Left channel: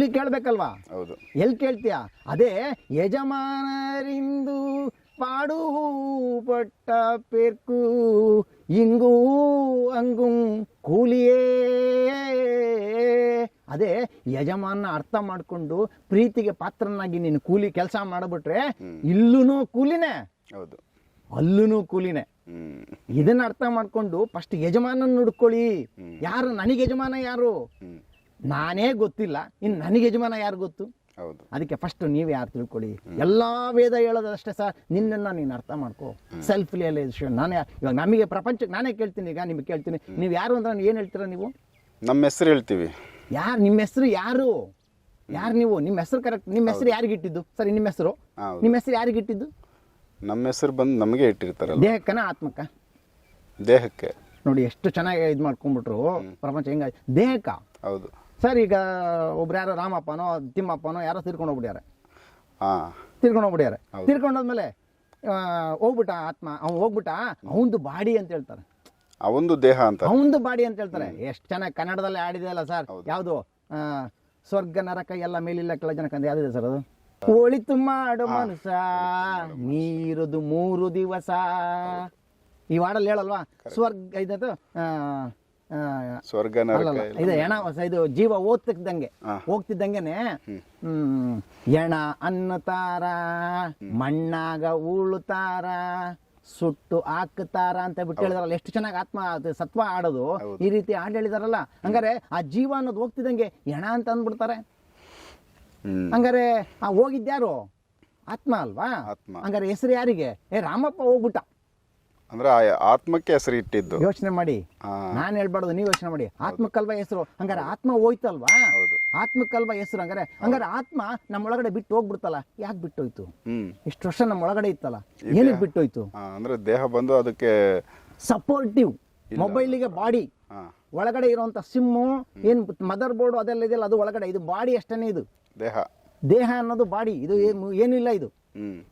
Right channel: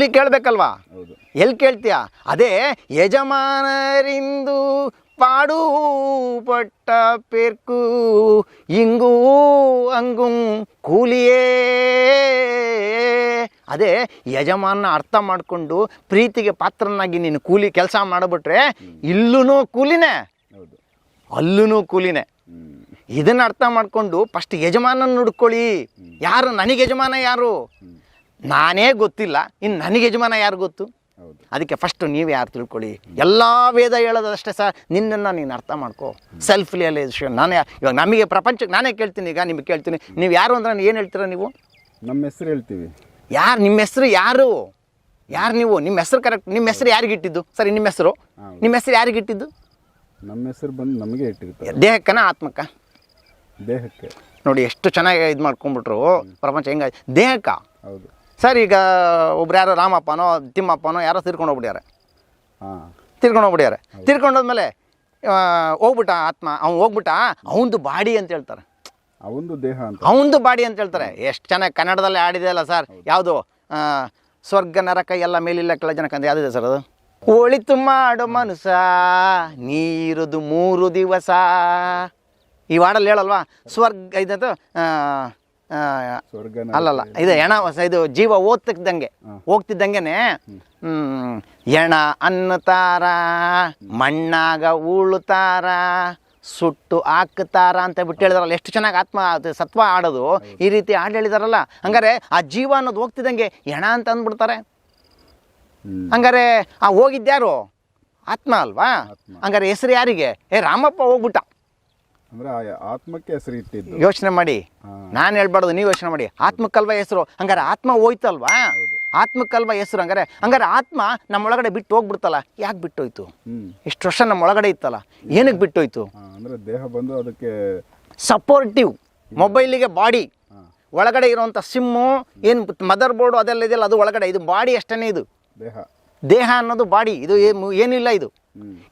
ಕೂಲಿ ಕೇಳಬೇಕಲ್ವಾ? ಹೌದು. ಎಲ್ಲಿ ಕೇಳ್ತೀಯ? ಅದೇ ಯಜಮಾನರಿಂದು ಪಾಡು ಪಟ್ಟ ಪೇರ್ಕು ಇಂಗೂ ಅಂಗೂ ಕೂಲಿಯೇ. ಅದೇ ಯಜಮಾನ ಅರ್ಥ ಮಾಡಿಕೊಂಡು ಪ್ರೀತಿಗೆ ಪಾತ್ರನಾಗಿ ನೀನು ಕೂಲಿ ಕೆಲಸ ಮಾಡಿಬಿಟ್ರೆ ಇಲ್ಲೂ ಕೂಲಿನೇ. ಹೌದು. ಅಲ್ಲೂ ಕೂಲಿನೇ. ಇದನ್ನ ಅರ್ಥ ಮಾಡಿಕೊಂಡು ಫಸ್ಟ್ ಯಜಮಾನನ ನುಡ್ಕೊಳ್ಳಿ ಯಾರು? ನನಗೆ ಯಜಮಾನ ಯಾರು? ನಾನೇ ಗೊತ್ತಿಲ್ಲ. ಇನ್ನು ನನಗೆ ಯಜಮಾನ ಯಾರು ಗೊತ್ತು? ಹೌದು. ಅದಕ್ಕೆ ಫಸ್ಟ್ ನೀವು ಯಾರು ತಿಳ್ಕೊಳ್ಳಿ. ಎಲ್ಲ ವೇದ ಹೇಳೋದಷ್ಟೇ ಸರ್ ನಿನ್ನನ್ನು ನೀನು ಅರ್ಥ ಮಾಡ್ಕೋ. ಸೆಲ್ಫ್ ರಿಯಲೈಸೇಷನ್ ನಾನೇ ಇವಾಗ ನಮಗೆ ಪ್ರಪಂಚಕ್ಕೆ ನಾನೇ ಕೇಳ್ತೀನಿ ಈಗ ನಿಮಗೆ ಕೇಳ್ತೀನಿ. ನೀವು ಯಾರು ಅಂದ್ರೆ ಏನು ಹೇಳ್ತೀರ ನೀವು? ನಮ್ಮ ಹೆಸರು ಹೇಳ್ತೀವಿ. ಯಾರು ನಿಮ್ಮ ಹೆಸರು ಯಾರು? ಯಾರು ನೀವು? ನಿಮ್ಮ ಹೆಸರು ಕರೆಕ್ಟ್ ನಿಮ್ಮ ಹೆಸರು ಯಾರಿಗೆ ಇಟ್ಟಿದ್ದು? ಸರಿ ನಿಮ್ಮ ಹೆಸರು? ಹೌದು. ನಿಮ್ಮ ಹೆಸರು ಯಾರಿಗೆ ಇಟ್ಟಿದ್ದು? ನಮ್ಮ ಹೆಸರು ಬಂದು ನಮಗೆ ಇಟ್ಟಿರ್ತಾರೆ ದೇಹಕ್ಕನ ಆತ್ಮಕ್ಕ? ದೇಹಕ್ಕೆ. ನೋಡಿ ಎಷ್ಟು ಚೆನ್ನಾಗಿ ಇದು ಮಾಡ್ಕೊಂಡ್ಬಿಟ್ರು ಪ್ರಪಂಚ ಹೆಂಗ ದೇಹಕ್ಕ? ಹೌದು. ಸರ್ ಈಗ ಒಬ್ರು ಯಾರೋ ರಾಮಪ್ಪನೋ ತಿಮ್ಮಪ್ಪನೋ ಯಾರೋ ತಿರ್ಕೊಂಡು ಹೋಗ್ಬಿಡ್ಯಾರೆ ಹಾಂ. ತಿರ್ಕೊಂಡು ಹೋಗ್ಬಿಡ್ಯಾರೆ ತೀರ್ಕೊಂಡೋದ್ಮೇಲೆ ಹೋಗ್ಬಿಟ್ಟ ಆತ್ಮ ಅವ್ನು ಹೋಗ್ಬಿಟ್ಟ ಅವನದು ಬಾಡಿ ಅಂತ ಹೇಳ್ತಾರೆ. ಅವನದು ದೇಹ ಅಂತ. ಅವನದು ಬಾಡಿ ಅಂತ ಹೇಳ್ತಾರೆ. ಎಷ್ಟು ಚೆನ್ನಾಗಿ ಕನ್ನಡದಲ್ಲಿ ಆಡಿದೆ ಅಲ್ಲ ಸರ್ ಯಾವುದು? ಸ್ವರ್ಗ ನರಕ ಎಲ್ಲ ಮೇಲಿಲ್ಲ ಕೆಳ ಜನಕ್ಕಂದು ಅಂತ ಯಾವುದಿದೆ ಸರ್ ಅದು? ಒಳಿತು ಮಾಡು ಮನುಸ ನೀರುದು ಮೂರು ದಿವಸ. ಈ ವಾಡಲ್ಲಿ ಹೇಳಲ್ವಾ? ಸ್ವರ್ಗ ಇದಂತ ಆ, ಆ, ಸ್ವರ್ಗ ಅಲ್ಲಲ್ಲ ಇದು ಹೆಣ ಹೊಸ- ಇದು ಜೀವ ಓದ್ತಿದ್ದಂಗೆ. ಹೋಗ್ತಿದ್ದಂಗೆನೆ ಹ್ಮ್. ಎಣ ಅನ್ನತಾರ ಮಣ್ಣಾಗ ಉಳುತ್ತಾರ ಸುಟ್ಟು ಹಾಕ್ತಾರ ಅಂತ ಬಿಟ್ಟು ಹೇಳಿದಾರಲ್ಲ ಎಷ್ಟು ಚೆನ್ನಾಗಿ ಆತ್ಮ ಸತ್ವ ಆಡೋದು ಈ ರೀತಿ ಹಾಡು ಹೇಳಿದಾರಲ್ಲ ಹಂಗಾರೆ ಆ ಜೀವ ಅನ್ನೋದು ಹೋಗ್ತಿದ್ದಂಗೆ ಎಣ ಅಂತ ಅಂದ್ಬಿಡ್ತಾರೆ. ಹಂಗಾರೆ ಆ ಹೋಗಿದ್ಯಾರು ಆತ್ಮ ಅಲ್ವಾ? ಆತ್ಮ. ಹಂಗಾರೆ ಹೆಸರು ಯಾರಿಗೆ? ಏ ರಾಮಪ್ಪ ಹೋಗ್ಬಿಟ್ಟ. ಅಂದ್ರೆ ಆತ್ಮಕ್ಕೆ ಹೆಸರು ಇಟ್ಟಿದ್ದು. ಯೋಚನೆ ಮಾಡಿ. ನಾನು ಹೇಳ್ಬಾರ್ದು ನೀವು ಯೋಚನೆ ಮಾಡಿ. ಆತ್ಮಕ್ಕಲ್ವ ಹೆಸರು? ಹಂಗಾರೆ ಆತ್ಮ ಹೋಯ್ತಲ್ವಾ. ಆತ್ಮಕ್ಕಲ್ವ ಹೆಸರು ಹಂಗಾರೆ ಹಂಗಾರೆ ಆತ್ಮ ನಮ್ಮೊಳಗಡೆ ಬಿಟ್ಟು ಹೋಗ್ಬಿಡ್ತಲ್ಲ ಯಾಕೆ ಬಿಟ್ಟೋಯ್ತು? ಹೋಯ್ತು ಇಷ್ಟು ವರ್ಷ ನಮ್ಮೊಳಗಡೆ ಇತ್ತಲ್ಲ ಏನಕ್ಕೆ ಬಿಟ್ಟೋಯ್ತು? ಅಂದ್ರೆ ದೇಹ ಬಂದು ಅದಕ್ಕೆ ಸಪೋರ್ಟಿವ್ ಮೊಬೈಲಿಗೆ ಬಾಡಿ ಒಳಗಡೆ ಇರುವಂಥ ಸಿಮ್ಮು ಏನು ಮದರ್ ಬೋರ್ಡು ಅದೆಲ್ಲ ಇದೆಯಲ್ಲ ಅದು ಒಳಗಡೆ ಇದು ಬಾಡಿ ಅಷ್ಟೇ ಇದು. ದೇಹ. ದೇಹ ಅನ್ನೋದು ಬಾಡಿ ಇದು ಏನು- ಏನಿಲ್ಲ ಇದು.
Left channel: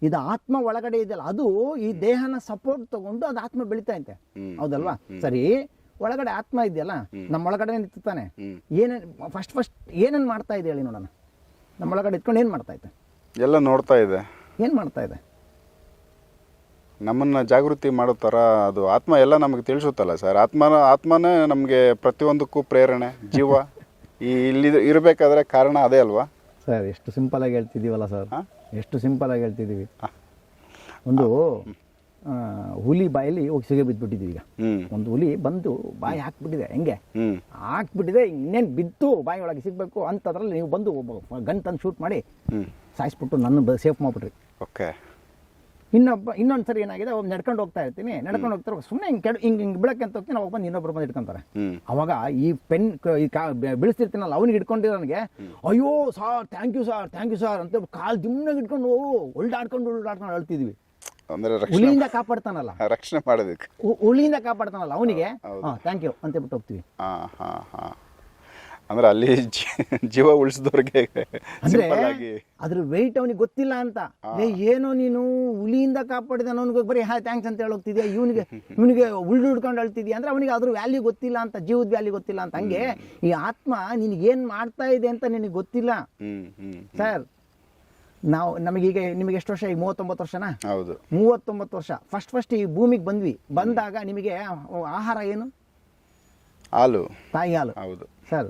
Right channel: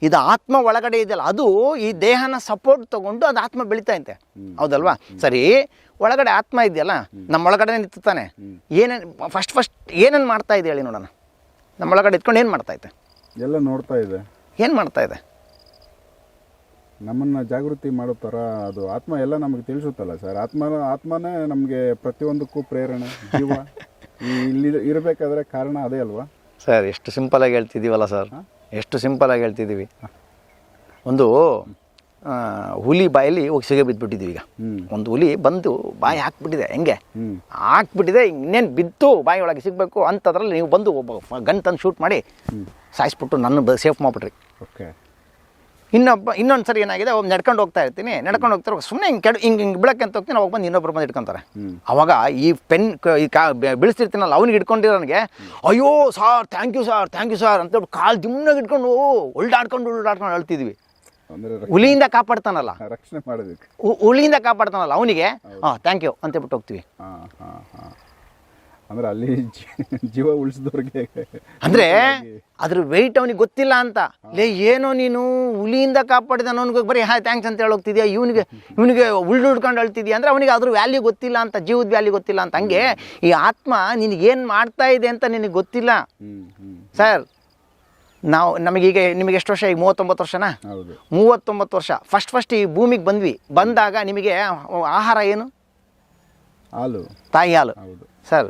ಇದು ಆತ್ಮ ಒಳಗಡೆ ಇದೆಯಲ್ಲ ಅದು ಈ ದೇಹನ ಸಪೋರ್ಟ್ ತಗೊಂಡು ಅದು ಆತ್ಮ ಬೆಳೀತಾ ಐತೆ ಹೌದಲ್ವಾ? ಸರಿ ಒಳಗಡೆ ಆತ್ಮ ಇದೆಯಲ್ಲ ನಮ್ಮ ಒಳಗಡೆ ನಿಂತಾನೆ. ಏನೇನು ಫಸ್ಟ್ ಫಸ್ಟ್ ಏನೇನು ಮಾಡ್ತಾ ಇದೆ ಹೇಳಿ ನೋಡೋಣ. ನಮ್ಮ ಒಳಗಡೆ ಇಟ್ಕೊಂಡು ಏನು ಮಾಡ್ತಾ ಇದೆ? ಎಲ್ಲ ನೋಡ್ತಾ ಇದೆ. ಏನು ಮಾಡ್ತಾ ಇದೆ? ನಮ್ಮನ್ನ ಜಾಗೃತಿ ಮಾಡೋ ಥರ ಅದು ಆತ್ಮ ಎಲ್ಲ ನಮಗೆ ತಿಳಿಸುತ್ತಲ್ಲ ಸರ್. ಆತ್ಮ ಆತ್ಮನೇ ನಮಗೆ ಪ್ರತಿಯೊಂದಕ್ಕೂ ಪ್ರೇರಣೆ ಜೀವ. ಇಲ್ಲಿ ಇರಬೇಕಾದ್ರೆ ಕಾರಣ ಅದೇ ಅಲ್ವಾ? ಸರ್ ಎಷ್ಟು ಸಿಂಪಲಾಗಿ ಹೇಳ್ತಿದ್ದೀವಲ್ಲ ಸರ್? ಎಷ್ಟು ಸಿಂಪಲಾಗಿ ಹೇಳ್ತಿದ್ದೀವಿ. ಒಂದು ಹುಲಿ ಬಾಯಲ್ಲಿ ಹೋಗಿ ಸಿಗೆ ಬಿದ್ದುಬಿಟ್ಟಿದ್ವಿ ಈಗ. ಒಂದು ಹುಲಿ ಬಂದು ಬಾಯಿ ಹಾಕ್ಬಿಟ್ಟಿದೆ ಹೆಂಗೆ? ಹಾಕ್ಬಿಟ್ಟಿದೆ ಇನ್ನೇನು ಬಿದ್ದು ಬಾಯಿ ಒಳಗೆ ಸಿಗಬೇಕು ಅಂಥದ್ರಲ್ಲಿ ನೀವು ಬಂದು ಒಬ್ಬ ಗನ್ ತಂದು ಶೂಟ್ ಮಾಡಿ ಸಾಯಿಸ್ಬಿಟ್ಟು ನನ್ನ ಸೇಫ್ ಮಾಡಿಬಿಟ್ರಿ. ಓಕೆ. ಇನ್ನೊಬ್ಬ ಇನ್ನೊಂದು ಸರಿ ಏನಾಗಿದೆ ಒಬ್ಬ ನಡ್ಕೊಂಡು ಹೋಗ್ತಾ ಇರ್ತೀನಿ. ನಡ್ಕೊಂಡು ಹೋಗ್ತಾರೆ ಸುಮ್ಮನೆ ಹಿಂಗೆ ಕೆಡ ಹಿಂಗೆ ಹಿಂಗೆ ಬಿಡಕ್ಕೆ ಅಂತ ಹೋಗ್ತೀನಿ ಅವಾಗ ಬಂದು ಇನ್ನೊಬ್ಬರು ಬಂದು ಇಟ್ಕೊಂತಾರೆ. ಅವಾಗ ಈ ಪೆನ್ ಈ ಕಾ ಬೀಳಿಸ್ತಿರ್ತೀನಲ್ಲ ಅವ್ನಿಗೆ ಹಿಡ್ಕೊಂಡಿರೋನಿಗೆ ಅಯ್ಯೋ sir thank you sir thank you sir ಅಂತ ಕಾಲು ದಿಮ್ನಾಗ ಇಟ್ಕೊಂಡು ಒಳ್ಳಾಡ್ಕೊಂಡು ಉಲ್ಡಾಡ್ಕೊಂಡು ಅಳ್ತಿದ್ವಿ. ಹುಲಿಯಿಂದ ಕಾಪಾಡ್ತಾನಲ್ಲ. ರಕ್ಷಣೆ ಮಾಡೋದಕ್ಕೆ. ಹುಲಿಯಿಂದ ಕಾಪಾಡ್ತಾನಲ್ಲ ಅವನಿಗೆ ಹಾಂ ಥ್ಯಾಂಕ್ ಯು ಅಂತ ಬಿಟ್ಟು ಹೋಗ್ತೀವಿ. ಹಾಂ ಹಾಂ ಹಾ. ಅಂದ್ರೆ ಅಲ್ಲಿ ಜೀವ ಉಳಿಸಿದವ್ರಿಗೆ ಅಂದ್ರೆ ಅದ್ರ ವೆಯ್ಟ್ ಅವನಿಗೆ ಗೊತ್ತಿಲ್ಲ ಅಂತ. ಲೇ ಏನೋ ನೀನು ಹುಲಿಯಿಂದ ಕಾಪಾಡಿದ ಅವನಿಗೆ ಬರೀ ಹಾ ಥ್ಯಾಂಕ್ಸ್ ಅಂತ ಹೋಗ್ತಿದ್ಯಾ ಇವನಿಗೆ ಇವನಿಗೆ ಉಳ್ಳುಡ್ಕೊಂಡು ಅಳ್ತಿದ್ಯಾ? ಅಂದ್ರೆ ಅವನಿಗೆ ಅದ್ರ ವ್ಯಾಲ್ಯೂ ಗೊತ್ತಿಲ್ಲ ಅಂತ ಜೀವದ ವ್ಯಾಲ್ಯೂ ಗೊತ್ತಿಲ್ಲ ಅಂತ. ಹಂಗೆ ಈ ಆತ್ಮ ನಿನಗೆ ಏನು ಮಾಡ್ತಾ ಇದೆ ಅಂತ ನಿನಗೆ ಗೊತ್ತಿಲ್ಲ. ಸರ್ ನಾವು ನಮಗೀಗ ನಿಮಗೆ ಎಷ್ಟು ವರ್ಷ? ಈಗ ಮೂವತ್ತೊಂಬತ್ತು ವರ್ಷನಾ? ಹೌದು. ಮೂವತ್ತೊಂಬತ್ತು ವರ್ಷ. ಫಸ್ಟ್ ಫಸ್ಟ್ ಈ ಭೂಮಿಗೆ ಬಂದ್ವಿ. ಬಂದಾಗ ನಿಮಗೆ ಆಹಾರ ಏನು? ಹಾಲು. ತಾಯಿ ಹಾಲು. ಹೌದು. ಸರ್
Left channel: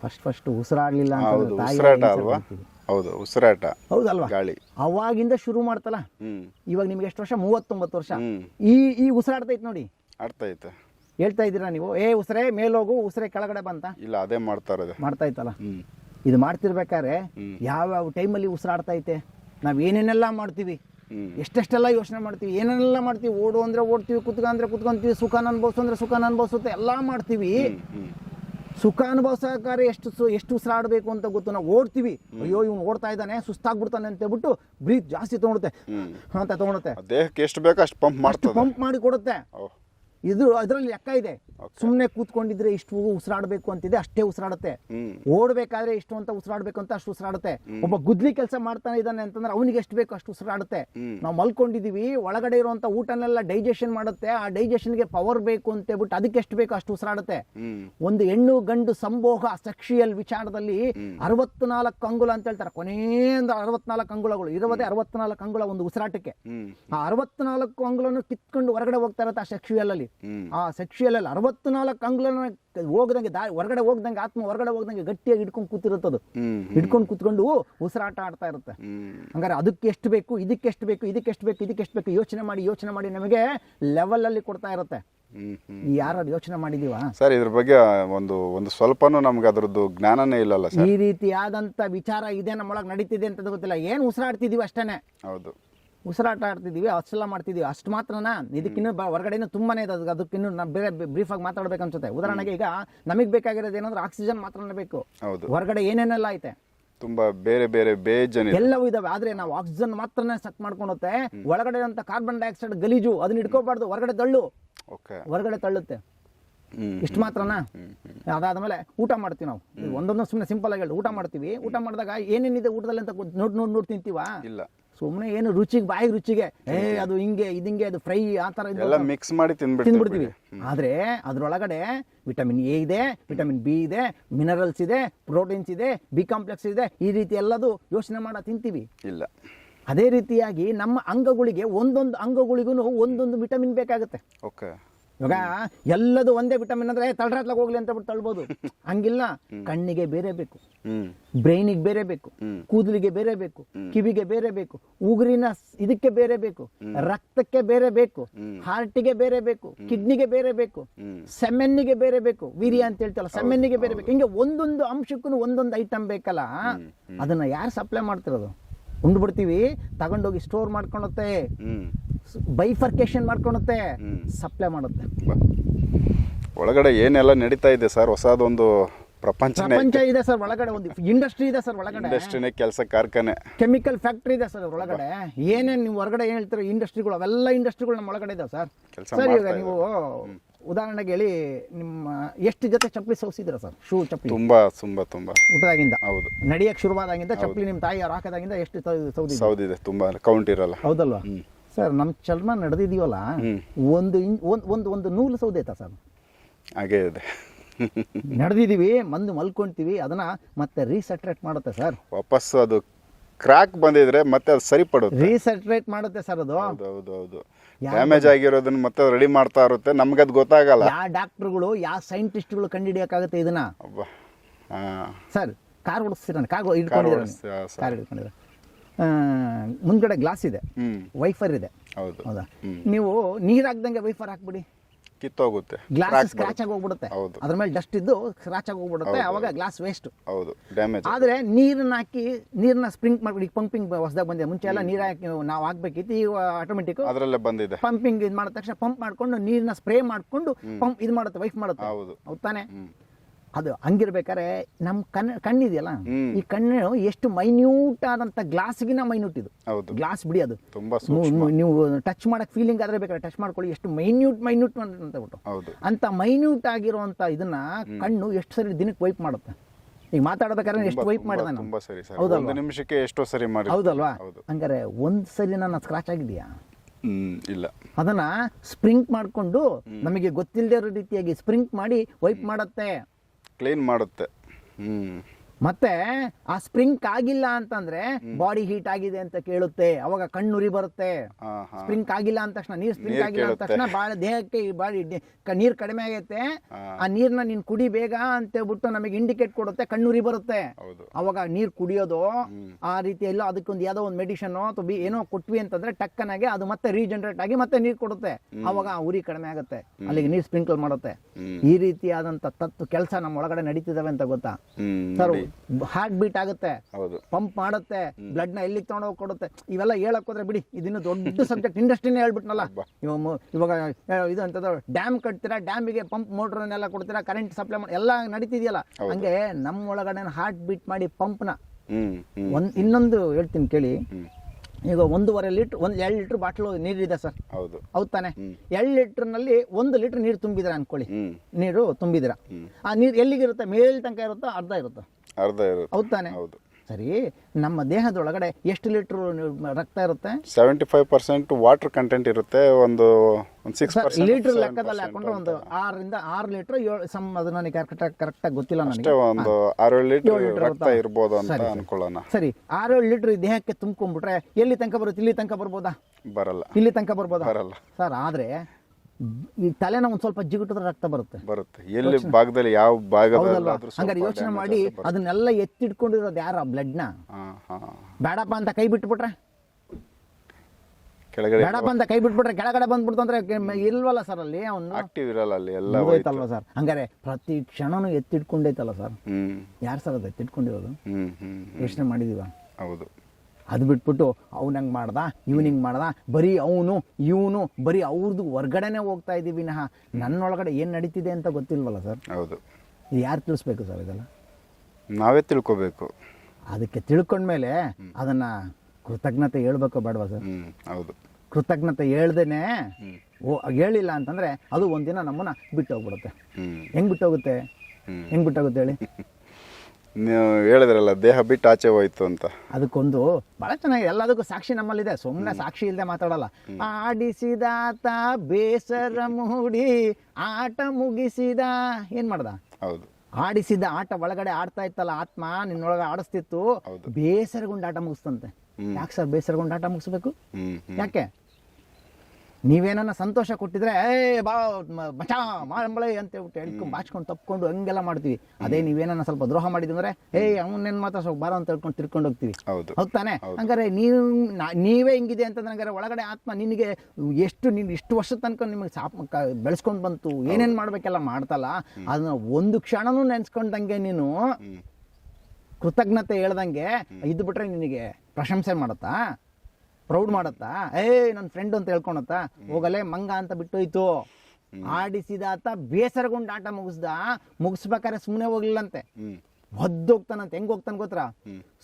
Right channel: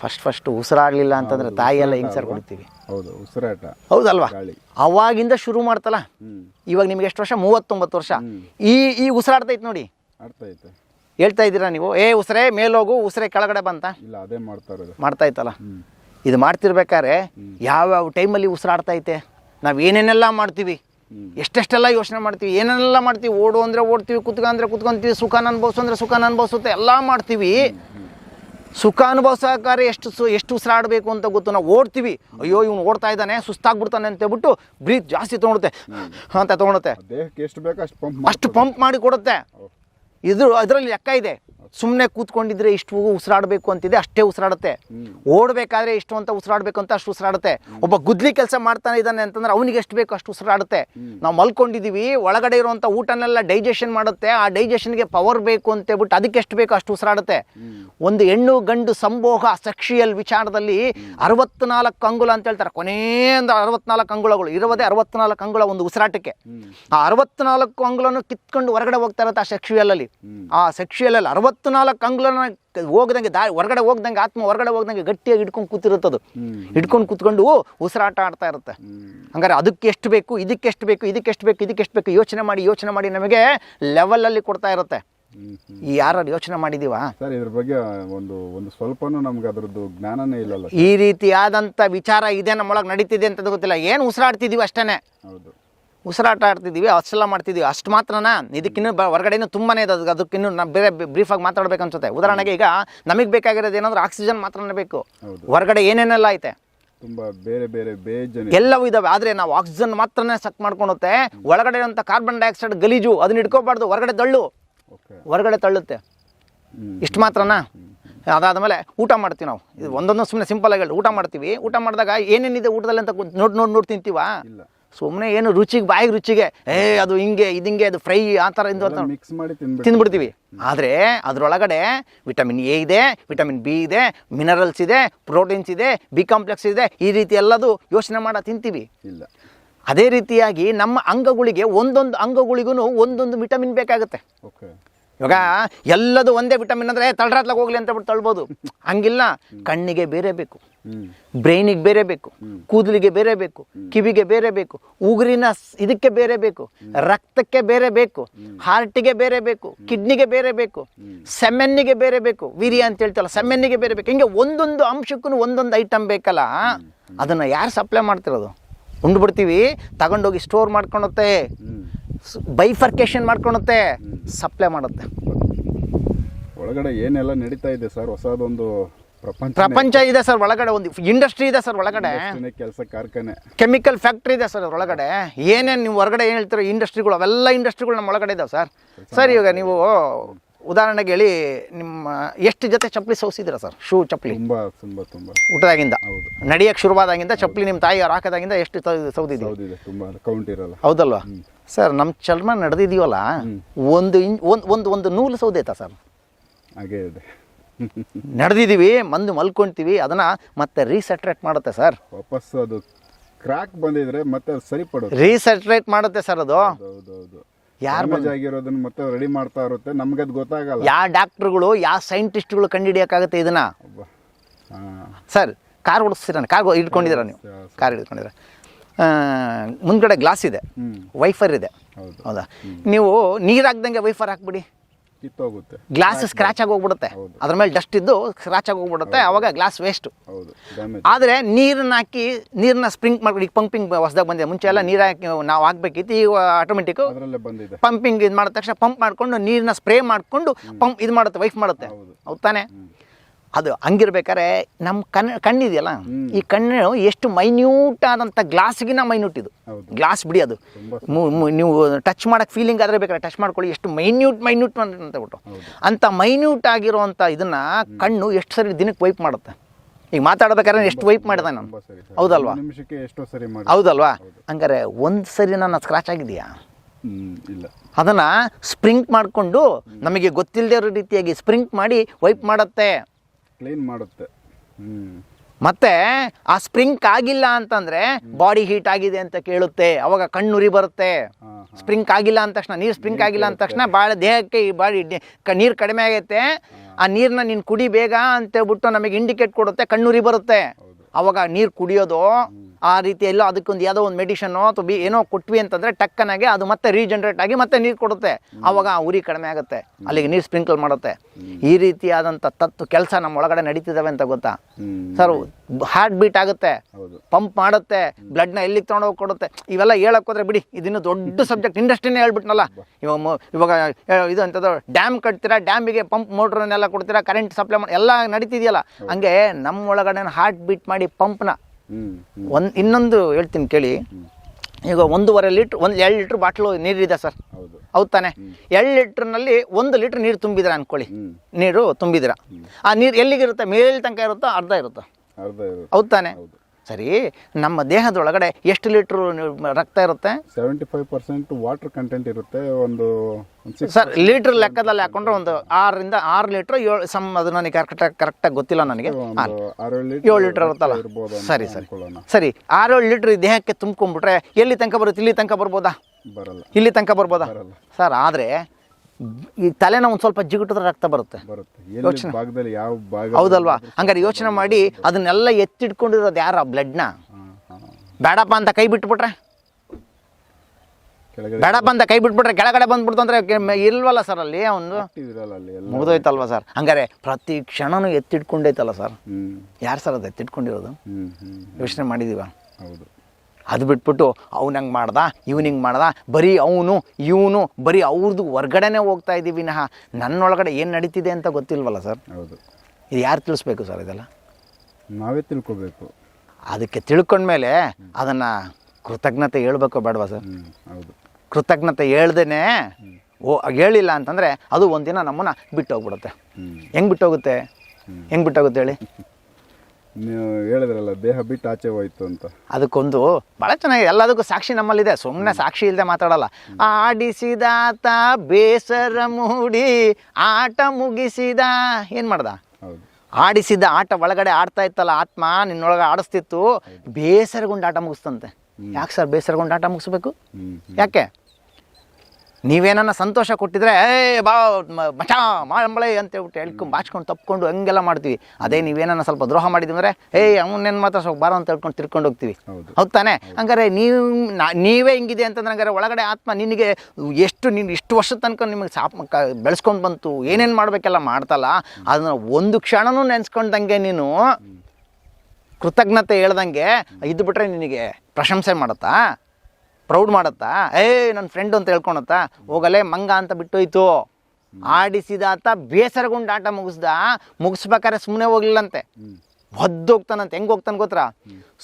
ಫಸ್ಟ್ ಫಸ್ಟ್ ಉಸಿರಾಡಲಿಲ್ಲ ಅಂತಂದ್ರೆ ತಾಯಿ ಹೆಂಗೆ ಹೌದು ಉಸಿರಾಟ ಹೌದಲ್ವಾ? ಅವಾಗಿಂದ ಶುರು ಮಾಡ್ತಲ್ಲ? ಇವಾಗ ನಿಮ್ಗೆ ಎಷ್ಟು ವರ್ಷ? ಮೂವತ್ತೊಂಬತ್ತು ವರ್ಷ. ಈ ಈ ಉಸಿರಾಡ್ತೈತೆ ನೋಡಿ. ಆಡ್ತೈತೆ. ಹೇಳ್ತಾ ಇದ್ದೀರಾ ನೀವು? ಏ ಉಸಿರೇ ಮೇಲೋಗು ಉಸಿರೇ ಕೆಳಗಡೆ ಬಂತ? ಇಲ್ಲ ಅದೇ ಮಾಡ್ತಾ ಇರೋದು. ಮಾಡ್ತಾ ಇತ್ತಲ್ಲ ಇದು ಮಾಡ್ತಿರ್ಬೇಕಾದ್ರೆ ಯಾವ್ಯಾವ ಟೈಮಲ್ಲಿ ಉಸಿರಾಡ್ತಾ ಐತೆ ನಾವು ಏನೇನೆಲ್ಲ ಮಾಡ್ತೀವಿ. ಎಷ್ಟೆಷ್ಟೆಲ್ಲ ಯೋಚನೆ ಮಾಡ್ತೀವಿ? ಏನೇನೆಲ್ಲ ಮಾಡ್ತೀವಿ? ಓಡು ಅಂದರೆ ಓಡ್ತೀವಿ ಕುತ್ಕೊಂಡ್ರೆ ಅಂದರೆ ಕುತ್ಕೊಂತೀವಿ ಸುಖನ ಅನ್ಭವಿಸು ಅಂದರೆ ಸುಖನ ಅನುಭವಿಸುತ್ತೆ ಎಲ್ಲ ಮಾಡ್ತೀವಿ. ಸುಖ ಅನುಭವಿಸೋಕ್ಕಾರೆ ಎಷ್ಟು ಸು ಎಷ್ಟು ಉಸಿರಾಡಬೇಕು ಅಂತ ಗೊತ್ತು. ನಾವು ಓಡ್ತೀವಿ. ಅಯ್ಯೋ ಇವ್ನು ಓಡ್ತಾ ಇದ್ದಾನೆ ಸುಸ್ತಾಗ್ಬಿಡ್ತಾನೆ ಅಂತ ಹೇಳ್ಬಿಟ್ಟು ಬ್ರೀತ್ ಜಾಸ್ತಿ ತೊಗೊಳುತ್ತೆ ಅಂತ ತೊಗೊಳುತ್ತೆ ದೇಹಕ್ಕೆ ಎಷ್ಟು ಬೇಕೋ ಅಷ್ಟು ಪಂಪ್ ಅಷ್ಟು ಪಂಪ್ ಮಾಡಿ ಕೊಡುತ್ತೆ. ಇದ್ರ ಅದರಲ್ಲಿ ಲೆಕ್ಕ ಇದೆ. ಸುಮ್ಮನೆ ಕೂತ್ಕೊಂಡಿದ್ರೆ ಇಷ್ಟು ಉಸಿರಾಡಬೇಕು ಅಂತಿದೆ ಅಷ್ಟೇ ಉಸಿರಾಡುತ್ತೆ. ಓಡಬೇಕಾದ್ರೆ ಇಷ್ಟು ಅಂತ ಉಸಿರಾಡಬೇಕು ಅಂತ ಅಷ್ಟು ಉಸಿರಾಡುತ್ತೆ. ಒಬ್ಬ ಗುದ್ಲಿ ಕೆಲಸ ಮಾಡ್ತಾನೆ ಇದ್ದಾನೆ ಅಂತಂದ್ರೆ ಅವನಿಗೆ ಎಷ್ಟು ಬೇಕು ಅಷ್ಟು ಉಸಿರಾಡುತ್ತೆ. ನಾವು ಮಲ್ಕೊಂಡಿದೀವಿ ಒಳಗಡೆ ಇರುವಂಥ ಊಟನೆಲ್ಲ ಡೈಜೆಷನ್ ಮಾಡುತ್ತೆ. ಆ ಡೈಜೆಷನ್ಗೆ ಪವರ್ ಬೇಕು ಅಂತ ಹೇಳ್ಬಿಟ್ಟು ಅದಕ್ಕೆ ಎಷ್ಟು ಬೇಕು ಅಷ್ಟು ಉಸಿರಾಡುತ್ತೆ. ಒಂದು ಹೆಣ್ಣು ಗಂಡು ಸಂಭೋಗ ಸೆಕ್ಷುಯಲ್ ವಿಚಾರದಲ್ಲಿ ಅರವತ್ನಾಲ್ಕು ಅಂಗುಲ ಅಂತ ಹೇಳ್ತಾರೆ ಕೊನೆಯಿಂದ ಅರವತ್ನಾಲ್ಕು ಅಂಗುಳಗಳು ಇರುವುದೇ ಅರವತ್ನಾಲ್ಕು ಅಂಗುಳ ಒಂದು ಉಸಿರಾಟಕ್ಕೆ. ಆ ಅರವತ್ನಾಲ್ಕು ಅಂಗುಲನ್ನು ಕಿತ್ಕೊಂಡು ಹೊರಗಡೆ ಹೋಗ್ತಾ ಇರುತ್ತೆ ಆ ಸೆಕ್ಷುಯಲ್ ಅಲ್ಲಿ. ಆ ಸೆಕ್ಷುಯಲ್ ಅಲ್ಲಿ ಅರವತ್ನಾಲ್ಕು ಅಂಗ್ಲನ ಹೋಗ್ದಂಗೆ ದಾ ಹೊರಗಡೆ ಹೋಗ್ದಂಗೆ ಆತ್ಮ ಹೊರಗಡೆ ಹೋಗ್ದಂಗೆ ಗಟ್ಟಿಯಾಗಿ ಹಿಡ್ಕೊಂಡು ಕೂತಿರುತ್ತದು. ಇಟ್ಕೊಂಡು ಹಿಡ್ಕೊಂಡು ಕೂತ್ಕೊಂಡು ಉಸಿರಾಟ ಆಡ್ತಾ ಇರುತ್ತೆ. ಹಂಗಾರೆ ಅದಕ್ಕೆ ಎಷ್ಟು ಬೇಕು ಇದಕ್ಕೆ ಎಷ್ಟು ಬೇಕು ಇದಕ್ಕೆ ಎಷ್ಟು ಬೇಕು ಇದಕ್ಕೆ ಎಷ್ಟು ಬೇಕು ಯೋಚನೆ ಮಾಡಿ ಯೋಚನೆ ಮಾಡಿ ನಮಗೆ ಲೆವೆಲಲ್ಲಿ ಕೊಡ್ತಾ ಇರುತ್ತೆ. ಈ ಯಾರು ಯೋಚನೆ ಮಾಡಿದೀವ? ಸರ್ ಇದ್ರ ಬಗ್ಗೆ ಒಂದು ಒಂದು ಸ್ವಲ್ಪನೂ ನಮ್ಗೆ ಅದ್ರದ್ದು ಜ್ಞಾನನೇ ಇಲ್ಲಲ್ಲ ಈ ರೀತಿಯಾದಂಥ ವಿಚಾರ ಇದೆ ನಮ್ಮೊಳಗೆ ನಡೀತಿದೆ ಅಂತ ಗೊತ್ತಿಲ್ಲ. ಏನು ಉಸಿರಾಡ್ತಿದೀವಿ ಅಷ್ಟೇ ಹೌದು. ಉಸಿರಾಟ ಆಡ್ತಿದ್ದೀವಿ ಅಷ್ಟೆಲ್ಲ ಮಾಡ್ತಿದ್ದೀವಿ ಅಷ್ಟು ಮಾತ್ರನಾ ಇದಕ್ಕಿನ್ನೂ ಬ ಹೊರಗಡೆನೂ ತುಂಬನೇ ಇದೆ ಅದು. ಅದಕ್ಕಿನ್ನೂ ನಾವು ಬೇರೆ ಬ್ರೀಫಾಗಿ ಮಾತಾಡ್ಬೇಕು ಅನ್ಸುತ್ತೆ. ಉದಾಹರಣೆಗೆ ಈಗ ನಮಗೆ ಬೇಕಾಗಿರೋದು ಏನಂದ್ರೆ ಆಕ್ಸಿಜನ್ ಮಾತ್ರನೇ ಬೇಕು. ಹೊರಗಡೆ ಏನೇನೆಲ್ಲ ಐತೆ? ತುಂಬಾ ಬೇರೆ ಬೇರೆ ಬೇಜನ್ ಎಲ್ಲವೂ ಇದಾವೆ. ಆದರೆ ನಾವು ಆಕ್ಸಿಜನ್ ಮಾತ್ರನೇ ಸಕ್ ಮಾಡ್ಕೊಳುತ್ತೆ ಒಳಗಡೆ ಇರುವಂಥ ಕಾರ್ಬನ್ ಡೈಆಕ್ಸೈಡ್ ಗಲೀಜು ಅದನ್ನ ಇಟ್ಕೋಬಾರ್ದು. ಹೊರಗಡೆ ತಳ್ಳು. ಓಕೆ. ಹೊರಗಡೆ ತಳ್ಳುತ್ತೆ. ಇಷ್ಟು ಮಾತ್ರನಾ? ಅದಾದಮೇಲೆ ಊಟ ಮಾಡ್ತೀವಿ ನಾವು. ಒಂದೊಂದು ಸುಮ್ಮನೆ ಸಿಂಪಲ್ ಆಗಿ ಊಟ ಮಾಡ್ತೀವಿ. ಊಟ ಮಾಡಿದಾಗ ಏನೇನಿದೆ ಊಟದಲ್ಲಿ ಅಂತ ನೋಡಿ ನೋಡಿ ನೋಡಿ ತಿಂತೀವಾ? ಇಲ್ಲ. ಸುಮ್ಮನೆ ಏನು ರುಚಿಗೆ ಬಾಯಿಗೆ ರುಚಿಗೆ ಏ ಅದು ಹಿಂಗೆ ಇದು ಹಿಂಗೆ ಅದು ಫ್ರೈ ಆ ಥರ ಇದು ಮಿಕ್ಸ್ ಮಾಡಿ ತಿಂದು ತಿಂದ್ಬಿಡ್ತೀವಿ ಆದರೆ ಅದರೊಳಗಡೆ ವಿಟಮಿನ್ ಎ ಇದೆ ವಿಟಮಿನ್ ಬಿ ಇದೆ ಮಿನರಲ್ಸ್ ಇದೆ ಪ್ರೋಟೀನ್ಸ್ ಇದೆ ಬಿ ಕಾಂಪ್ಲೆಕ್ಸ್ ಇದೆ ಈ ರೀತಿ ಎಲ್ಲದು ಯೋಚನೆ ಮಾಡಿ ತಿಂತೀವಿ. ಇಲ್ಲ. ಅದೇ ರೀತಿಯಾಗಿ ನಮ್ಮ ಅಂಗಗಳಿಗೆ ಒಂದೊಂದು ಅಂಗಗಳಿಗೂ ಒಂದೊಂದು ವಿಟಮಿನ್ ಬೇಕಾಗುತ್ತೆ. ಓಕೆ. ಇವಾಗ ಎಲ್ಲದು ಒಂದೇ ವಿಟಮಿನ್ ಅಂದ್ರೆ ತಳರಾತ್ಲ ಹೋಗ್ಲಿ ಅಂತ ಬಿಟ್ಟು ತಳ್ಬೋದು ಹಂಗಿಲ್ಲ ಕಣ್ಣಿಗೆ ಬೇರೆ ಬೇಕು ಬ್ರೈನಿಗೆ ಬೇರೆ ಬೇಕು ಕೂದಲಿಗೆ ಬೇರೆ ಬೇಕು ಕಿವಿಗೆ ಬೇರೆ ಬೇಕು ಉಗುರಿನ ಇದಕ್ಕೆ ಬೇರೆ ಬೇಕು ರಕ್ತಕ್ಕೆ ಬೇರೆ ಬೇಕು ಹಾರ್ಟಿಗೆ ಬೇರೆ ಬೇಕು ಕಿಡ್ನಿಗೆ ಬೇರೆ ಬೇಕು ಸೆಮೆನ್ನಿಗೆ ಬೇರೆ ಬೇಕು ವೀರ್ಯ ಅಂತ ಹೇಳ್ತಲ್ಲ ಸೆಮೆನ್ನಿಗೆ ಬೇರೆ ಬೇಕು ಹಿಂಗೆ ಒಂದೊಂದು ಅಂಶಕ್ಕೂ ಒಂದೊಂದು ಐಟಮ್ ಬೇಕಲ್ಲ ಅದನ್ನ ಯಾರು ಸಪ್ಲೈ ಮಾಡ್ತಿರೋದು ಉಂಡ್ಬಿಡ್ತೀವಿ ತಗೊಂಡೋಗಿ ಸ್ಟೋರ್ ಮಾಡ್ಕೊಳುತ್ತೆ ಬೈಫರ್ಕೇಶನ್ ಮಾಡ್ಕೊಳತ್ತೆ ಸಪ್ಲೈ ಮಾಡುತ್ತೆ. ಒಳಗಡೆ ಏನೆಲ್ಲ ನಡೀತಾ ಇದೆ ಸರ್? ಹೊಸದೊಂದು ಪ್ರಪಂಚ ಪ್ರಪಂಚ ಇದೆ ಸರ್ ಒಳಗಡೆ ಒಂದು ಇಂಡಸ್ಟ್ರಿ ಇದೆ ಸರ್ ಒಳಗಡೆ. ಇಂಡಸ್ಟ್ರಿನೇ ಕೆಲಸ ಕಾರ್ಖಾನೆ. ಕೆಮಿಕಲ್ ಫ್ಯಾಕ್ಟ್ರಿ ಇದೆ ಸರ್ ಒಳಗಡೆ. ಏನೇನು ನೀವು ಹೊರಗಡೆ ಏನು ಹೇಳ್ತೀರೋ ಇಂಡಸ್ಟ್ರಿಗಳು ಅವೆಲ್ಲ ಇಂಡಸ್ಟ್ರಿಗಳು ನಮ್ಮ ಒಳಗಡೆ ಇದಾವೆ ಸರ್. ಸರ್ ಇವಾಗ ನೀವು ಉದಾಹರಣೆಗೆ ಹೇಳಿ ನಿಮ್ಮ ಎಷ್ಟು ಜೊತೆ ಚಪ್ಪಲಿ ಸೌಸಿದ್ರ ಸರ್? ಶೂ ಚಪ್ಪಲಿ? ತುಂಬಾ ತುಂಬಾ ತುಂಬಾ. ಊಟದಾಗಿಂದ? ಹೌದು. ನಡೆಯಕ್ಕೆ ಶುರುವಾದಾಗಿಂದ ಚಪ್ಪಲಿ ನಿಮ್ಮ ತಾಯಿ ಹಾಕೋದಾಗಿಂದ ಎಷ್ಟು ಸೌದಿದೆ? ಸೌದಿದೆ ತುಂಬಾ ಕೌಂಟ್ ಇರಲ್ಲ. ಹೌದಲ್ವಾ? ಸರ್ ನಮ್ಮ ಚರ್ಮ ನಡೆದಿದೀವಲ್ಲ ಒಂದು ಇಂಚ್ ಒಂದು ಒಂದು ಒಂದು ನೂಲು ಸೌದೈತಾ ಸರ್? ಹಾಗೆ ಇದೆ. ನಡೆದಿದ್ದೀವಿ ಮಂದು ಮಲ್ಕೊಂತೀವಿ ಅದನ್ನು ಮತ್ತೆ ರೀಸೆಟ್ರೇಟ್ ಮಾಡುತ್ತೆ ಸರ್. ವಾಪಸ್ ಅದು ಕ್ರಾಕ್ ಬಂದಿದ್ರೆ ಮತ್ತೆ ಅದು ಸರಿಪಡುತ್ತೆ ರೀಸೆಟ್ರೇಟ್ ಮಾಡುತ್ತೆ ಸರ್ ಅದು. ಹೌದು ಹೌದು ಡ್ಯಾಮೇಜ್ ಆಗಿರೋದನ್ನ ಮತ್ತೆ ರೆಡಿ ಮಾಡ್ತಾ ಇರುತ್ತೆ. ನಮ್ಗೆ ಅದು ಗೊತ್ತಾಗಲ್ಲ. ಯಾವ ಡಾಕ್ಟ್ರುಗಳು ಯಾವ ಸೈಂಟಿಸ್ಟ್ಗಳು ಕಂಡುಹಿಡಿಯೋಕ್ಕಾಗುತ್ತೆ ಇದನ್ನ? ಸರ್ ಕಾರ್ ಓಡಿಸ್ತೀರ ಕಾರ್ ಇಟ್ಕೊಂಡಿದ್ದೀರ ನೀವು? ಕಾರ್ ಇಟ್ಕೊಂಡಿದ್ದೀರ ಆ, ಮುಂದ್ಗಡೆ ಗ್ಲಾಸ್ ಇದೆ. ವೈಫರ್ ಇದೆ. ಹೌದು. ನೀವು ನೀರು ಹಾಕ್ದಂಗೆ ವೈಫರ್ ಹಾಕ್ಬಿಡಿ. ಕಿತ್ತೋಗುತ್ತೆ. ಗ್ಲಾಸ್ ಸ್ಕ್ರಾಚ್ ಆಗಿ ಹೋಗ್ಬಿಡುತ್ತೆ. ಅದ್ರ ಮೇಲೆ ಡಸ್ಟ್ ಇದ್ದು ಸ್ಕ್ರಾಚ್ ಆಗಿ ಹೋಗ್ಬಿಡುತ್ತೆ. ಅವಾಗ ಗ್ಲಾಸ್ ವೇಸ್ಟ್ ಹೌದು. ಆದರೆ ನೀರನ್ನ ಹಾಕಿ ನೀರನ್ನ ಸ್ಪ್ರಿಂಕ್ ಮಾಡ್ಬಿಡಿ. ಈಗ ಪಂಪಿಂಗ್ ಹೊಸದಾಗ ಬಂದಿದೆ. ಮುಂಚೆ ಎಲ್ಲ ನೀರು ಹಾಕಿ ನಾವು ಹಾಕ್ಬೇಕಿತ್ತು. ಈಗ ಆಟೋಮೆಟಿಕ್ ಅದರಲ್ಲೇ ಬಂದಿದೆ. ಪಂಪಿಂಗ್ ಇದು ಮಾಡಿದ ತಕ್ಷಣ ಪಂಪ್ ಮಾಡ್ಕೊಂಡು ನೀರನ್ನ ಸ್ಪ್ರೇ ಮಾಡಿಕೊಂಡು ಪಂಪ್ ಇದು ಮಾಡುತ್ತೆ ವೈಫ್ ಮಾಡುತ್ತೆ. ಹೌದು. ಹೌದ್ ತಾನೆ. ಅದು ಹಂಗಿರ್ಬೇಕಾರೆ ನಮ್ಮ ಕಣ್ ಕಣ್ಣಿದೆಯಲ್ಲ? ಈ ಕಣ್ಣು ಎಷ್ಟು ಮೈನ್ಯೂಟ್ ಆದಂಥ ಗ್ಲಾಸ್ಗಿನ ಮೈನ್ಯೂಟ್ ಇದು. ಗ್ಲಾಸ್ ಬಿಡಿ ಅದು. ನೀವು ಟಚ್ ಮಾಡಕ್ಕೆ ಫೀಲಿಂಗ್ ಆದರೆ ಬೇಕಾದ್ರೆ ಟಚ್ ಮಾಡ್ಕೊಳ್ಳಿ. ಎಷ್ಟು ಮೈನ್ಯೂಟ್ ಮೈನ್ಯೂಟ್ ಅಂತ ಬಿಟ್ಟು ಅಂಥ ಅಂತ ಮೈನ್ಯೂಟ್ ಆಗಿರುವಂಥ ಇದನ್ನ ಕಣ್ಣು ಎಷ್ಟು ಸರಿ ದಿನಕ್ಕೆ ವೈಪ್ ಮಾಡುತ್ತೆ? ಈಗ ಮಾತಾಡ್ಬೇಕಾದ್ರೆ ಎಷ್ಟು ವೈಪ್ ಮಾಡಿದೆ ನಾನು ಹೌದಲ್ವಾ? ನಿಮಿಷಕ್ಕೆ ಎಷ್ಟೋ ಸರಿ ಮಾಡಿ ಹೌದಲ್ವಾ? ಹಂಗಾರೆ ಒಂದು ಸರಿ ನನ್ನ ಸ್ಕ್ರಾಚ್ ಆಗಿದೆಯಾ? ಇಲ್ಲ. ಅದನ್ನ ಸ್ಪ್ರಿಂಕ್ ಮಾಡಿಕೊಂಡು ನಮಗೆ ಗೊತ್ತಿಲ್ಲದೆ ಇರೋ ರೀತಿಯಾಗಿ ಸ್ಪ್ರಿಂಕ್ ಮಾಡಿ ವೈಪ್ ಮಾಡುತ್ತೆ. ಕ್ಲೀನ್ ಮಾಡುತ್ತೆ. ಮತ್ತೆ ಆ ಸ್ಪ್ರಿಂಕ್ ಆಗಿಲ್ಲ ಅಂತಂದ್ರೆ ಬಾಡಿ ಹೀಟ್ ಆಗಿದೆ ಅಂತ ಕೇಳುತ್ತೆ ಅವಾಗ ಕಣ್ಣುರಿ ಬರುತ್ತೆ. ಹಾ ಹಾ. ಸ್ಪ್ರಿಂಕ್ ಆಗಿಲ್ಲ ಅಂದ ತಕ್ಷಣ ನೀರು ಸ್ಪ್ರಿಂಕ್ ಆಗಿಲ್ಲ ಅಂದ ತಕ್ಷಣ ಭಾಳ ದೇಹಕ್ಕೆ ಈ ಬಾಡಿ ನೀರು ಕಡಿಮೆ ಆಗೈತೆ. ಆ ನೀರನ್ನ ನೀನು ಕುಡಿ ಬೇಗ ಅಂತೇಳ್ಬಿಟ್ಟು ನಮಗೆ ಇಂಡಿಕೇಟ್ ಕೊಡುತ್ತೆ ಕಣ್ಣುರಿ ಬರುತ್ತೆ. ಹೌದು. ಅವಾಗ ನೀರು ಕುಡಿಯೋದು ಆ ರೀತಿ ಎಲ್ಲ ಅದಕ್ಕೊಂದು ಯಾವುದೋ ಒಂದು ಮೆಡಿಷನ್ ಅಥವಾ ಬಿ ಏನೋ ಕೊಟ್ವಿ ಅಂತಂದ್ರೆ ಟಕ್ಕನಾಗೆ ಅದು ಮತ್ತೆ ರೀಜನರೇಟ್ ಆಗಿ ಮತ್ತೆ ನೀರು ಕೊಡುತ್ತೆ. ಅವಾಗ ಆ ಉರಿ ಕಡಿಮೆ ಆಗುತ್ತೆ. ಅಲ್ಲಿಗೆ ನೀರು ಸ್ಪ್ರಿಂಕಲ್ ಮಾಡುತ್ತೆ. ಈ ರೀತಿಯಾದಂಥ ತತ್ವ ಕೆಲಸ ನಮ್ಮ ಒಳಗಡೆ ನಡೀತಿದ್ದಾವೆ ಅಂತ ಗೊತ್ತಾ? ಸರ್ ಹಾರ್ಟ್ ಬೀಟ್ ಆಗುತ್ತೆ. ಪಂಪ್ ಮಾಡುತ್ತೆ. ಬ್ಲಡ್ನ ಎಲ್ಲಿಗೆ ತೊಗೊಂಡೋಗಿ ಕೊಡುತ್ತೆ? ಇವೆಲ್ಲ ಹೇಳಕ್ ಹೋದ್ರೆ ಬಿಡಿ ಇದನ್ನು ದೊಡ್ಡ ಸಬ್ಜೆಕ್ಟ್ ಇಂಡಸ್ಟ್ರಿನೇ ಹೇಳ್ಬಿಟ್ನಲ್ಲ. ಇವಾಗ ಇವಾಗ ಇದು ಅಂತದ್ದು ಡ್ಯಾಮ್ ಕಟ್ತೀರಾ ಡ್ಯಾಮಿಗೆ ಪಂಪ್ ಮೋಟ್ರನ್ನೆಲ್ಲ ಕೊಡ್ತೀರಾ ಕರೆಂಟ್ ಸಪ್ಲೈ ಮಾಡಿ ಎಲ್ಲ ನಡೀತಿದೆಯಲ್ಲ. ಹಂಗೆ ನಮ್ಮ ಒಳಗಡೆ ಹಾರ್ಟ್ ಬೀಟ್ ಮಾಡಿ ಪಂಪ್ನ. ಹ್ಮ್ ಹ್ಮ್. ಒಂದು ಇನ್ನೊಂದು ಹೇಳ್ತೀನಿ ಕೇಳಿ. ಈಗ ಒಂದೂವರೆ ಲೀಟ್ರ್ ಒಂದು ಎರಡು ಲೀಟ್ರ್ ಬಾಟ್ಲು ನೀರಿದೆ ಸರ್. ಹೌದು. ಹೌದು ತಾನೆ? ಎರಡು ಲೀಟ್ರ್ನಲ್ಲಿ ಒಂದು ಲೀಟ್ರ್ ನೀರು ತುಂಬಿದ್ರೆ ಅನ್ಕೊಳ್ಳಿ. ನೀರು ತುಂಬಿದಿರ? ಆ ನೀರು ಎಲ್ಲಿಗಿರುತ್ತೆ? ಮೇಲಿನ ತನಕ ಇರುತ್ತೋ ಅರ್ಧ ಇರುತ್ತೋ? ಅರ್ಧ ಇರುತ್ತೆ. ಹೌದು ತಾನೆ? ಹೌದು. ಸರಿ ನಮ್ಮ ದೇಹದೊಳಗಡೆ ಎಷ್ಟು ಲೀಟ್ರ್ ರಕ್ತ ಇರುತ್ತೆ? Seventy five percent water content ಇರುತ್ತೆ ಒಂದು ಸರ್ ಲೀಟ್ರ್ ಲೆಕ್ಕದಲ್ಲಿ ಹಾಕೊಂಡ್ರೆ ಒಂದು ಆರರಿಂದ ಆರು ಲೀಟ್ರ್ ಏಳು ಸಮ್ ಅದು ನನಗೆ ಕರೆಕ್ಟಾಗಿ ಕರೆಕ್ಟಾಗಿ ಗೊತ್ತಿಲ್ಲ ನನಗೆ. ಏಳು ಲೀಟರ್ ಇರುತ್ತಲ್ಲ? ಇರ್ಬೋದು ಸರಿ, ಸರಿ. ಆರೇಳು ಲೀಟ್ರ್ ದೇಹಕ್ಕೆ ತುಂಬ್ಕೊಂಡ್ಬಿಟ್ರೆ ಎಲ್ಲಿ ತನಕ ಬರುತ್ತೆ? ಇಲ್ಲಿ ತನಕ ಬರ್ಬೋದಾ? ಬರಲ್ಲ. ಇಲ್ಲಿ ತನಕ ಬರ್ಬೋದಾ? ಬರಲ್ಲ. ಸರ್ ಆದರೆ ಈ ತಲೆನ ಒಂದು ಸ್ವಲ್ಪ ಜಿಗುಟಿದ್ರೆ ರಕ್ತ ಬರುತ್ತೆ. ಬರುತ್ತೆ. ಎಲ್ಲಿ ಭಾಗದಲ್ಲಿ ಯಾವ ಭಾಗ ಹೌದಲ್ವಾ? ಹಂಗಾರೆ ಯೋಚನೆ ಮಾಡಿ ಅದನ್ನೆಲ್ಲ ಎತ್ತಿಟ್ಕೊಂಡಿರೋದು ಯಾರು ಆ ಬ್ಲಡ್ನ ಬೇಡಪ್ಪ ಅಂತ ಕೈ ಬಿಟ್ಬಿಟ್ರೆ? ಕೆಳಗಡೆ ಬೇಡಪ್ಪ ಅಂತ ಕೈ ಬಿಟ್ಬಿಟ್ರೆ ಕೆಳಗಡೆ ಬಂದ್ಬಿಡ್ತು ಅಂದ್ರೆ ಇಲ್ವಲ್ಲ ಸರ್ ಅಲ್ಲಿ? ಅವನು ಇರಲ್ಲ ಅಲ್ಲಿ ಎಲ್ಲ ಮುಗಿದೋಯ್ತಲ್ವಾ ಸರ್ ಹಂಗಾರೆ ಪ್ರತಿ ಕ್ಷಣನು ಎತ್ತಿಟ್ಕೊಂಡೈತಲ್ಲ ಸರ್ ಯಾರು ಸರ್ ಅದು ಎತ್ತಿಟ್ಕೊಂಡಿರೋದು? ಯೋಚನೆ ಮಾಡಿದೀವ? ಹೌದು. ಅದು ಬಿಟ್ಬಿಟ್ಟು ಅವ್ನು ಹಂಗೆ ಮಾಡ್ದ? ಇವ್ನು ಹಿಂಗೆ ಮಾಡ್ದ? ಬರೀ ಅವನು ಇವನು ಬರೀ ಅವ್ರದ್ದು ಹೊರ್ಗಡೆನೇ ಹೋಗ್ತಾ ಇದ್ದೀವಿ ವಿನಃ. ನನ್ನೊಳಗಡೆ ಏನು ನಡೀತಿದೆ ಅಂತ ಗೊತ್ತಿಲ್ವಲ್ಲ ಸರ್? ಹೌದು. ಇದು ಯಾರು ತಿಳಿಸ್ಬೇಕು ಸರ್ ಇದೆಲ್ಲ? ನಾವೇ ತಿಳ್ಕೊಬೇಕು. ಅದಕ್ಕೆ ತಿಳ್ಕೊಂಡ್ಮೇಲೆ ಅದನ್ನು ಕೃತಜ್ಞತೆ ಹೇಳ್ಬೇಕೋ ಬೇಡವಾ ಸರ್? ಹೌದು. ಕೃತಜ್ಞತೆ ಹೇಳ್ದೇ ಓ ಹೇಳಿಲ್ಲ ಅಂತಂದರೆ ಅದು ಒಂದಿನ ನಮ್ಮನ್ನು ಬಿಟ್ಟು ಹೋಗ್ಬಿಡುತ್ತೆ ಹ್ಮ್. ಹೆಂಗೆ ಬಿಟ್ಟೋಗುತ್ತೆ. ಹೆಂಗೆ ಬಿಟ್ಟೋಗುತ್ತೆ ಹೇಳಿ? ನೀವು ಹೇಳಿದ್ರಲ್ಲ ದೇಹ ಬಿಟ್ಟು ಆಚೆ ಹೋಯ್ತು ಅಂತ. ಅದಕ್ಕೊಂದು ಭಾಳ ಚೆನ್ನಾಗಿ ಎಲ್ಲದಕ್ಕೂ ಸಾಕ್ಷಿ ನಮ್ಮಲ್ಲಿದೆ. ಸುಮ್ಮನೆ ಸಾಕ್ಷಿ ಇಲ್ಲದೆ ಮಾತಾಡಲ್ಲ. ಆಡಿಸಿದಾತ ಬೇಸರ ಮೂಡಿ ಆಟ ಮುಗಿಸಿದ. ಏನು ಮಾಡ್ದ? ಹೌದು. ಆಡಿಸಿದ ಆಟ ಒಳಗಡೆ ಆಡ್ತಾ ಇತ್ತಲ್ಲ ಆತ್ಮ ನಿನ್ನೊಳಗೆ ಆಡಿಸ್ತಿತ್ತು. ಬೇಸರಗೊಂಡು ಆಟ ಮುಗಿಸ್ತಂತೆ. ಯಾಕೆ ಸರ್ ಬೇಸರಗೊಂಡು ಆಟ ಮುಗಿಸ್ಬೇಕು? ಹ್ಮ್ ಹ್ಮ್. ಯಾಕೆ? ನೀವೇನನ್ನ ಸಂತೋಷ ಕೊಟ್ಟಿದ್ರೆ ಏ ಬಾ ಮಚಾ ಮಾಂಬಳೆ ಅಂತ ಹೇಳ್ಬಿಟ್ಟು ಹೇಳ್ಕೊಂಡು ಬಾಚ್ಕೊಂಡು ತಪ್ಕೊಂಡು ಹಂಗೆಲ್ಲ ಮಾಡ್ತೀವಿ. ಅದೇ ನೀವೇನನ್ನ ಸ್ವಲ್ಪ ದ್ರೋಹ ಮಾಡಿದ್ರೆ ಅಂದ್ರೆ ಏಯ್ ಅವನೇನು ಮಾತ್ರ ಸ್ವಲ್ಪ ಬಾರ ಅಂತ ಹೇಳ್ಕೊಂಡು ತಿರ್ಕೊಂಡು ಹೋಗ್ತೀವಿ. ಹೌದು. ತಾನೆ? ಹಂಗಾರೆ ನೀವು ನಾ- ನೀವೇ ಹಿಂಗಿದೆ ಅಂತಂದ್ರೆ ಹಂಗಾರೆ ಒಳಗಡೆ ಆತ್ಮ ನಿನಗೆ ಎಷ್ಟು ನೀನು ಇಷ್ಟು ವರ್ಷದ ತನಕ ನಿಮಗೆ ಸಾಪ್ ಬೆಳೆಸ್ಕೊಂಡು ಬಂತು ಏನೇನು ಮಾಡಬೇಕೆಲ್ಲ ಮಾಡ್ತಲ್ಲ ಅದನ್ನ ಒಂದು ಕ್ಷಣನೂ ನೆನೆಸ್ಕೊಂಡಂಗೆ ನೀನು ಕೃತಜ್ಞತೆ ಹೇಳ್ದಂಗೆ ಇದ್ದು ಬಿಟ್ರೆ ನಿನಗೆ ಪ್ರಶಂಸೆ ಮಾಡುತ್ತಾ? ಪ್ರೌಡ್ ಮಾಡುತ್ತಾ? ಏ ನನ್ನ ಫ್ರೆಂಡ್ ಅಂತ ಹೇಳ್ಕೊಳತ್ತಾ ಹೋಗಲೇ ಮಂಗ ಅಂತ ಬಿಟ್ಟೋಯ್ತು. ಆಡಿಸಿದಾತ ಬೇಸರಗೊಂಡು ಆಟ ಮುಗಿಸ್ದ? ಮುಗಿಸ್ಬೇಕಾದ್ರೆ ಸುಮ್ಮನೆ ಹೋಗ್ಲಿಲ್ಲಂತೆ. ಒದ್ದು ಒದ್ದೋಗ್ತಾನಂತೆ. ಹೆಂಗ್ ಹೋಗ್ತಾನೆ ಗೊತ್ತರ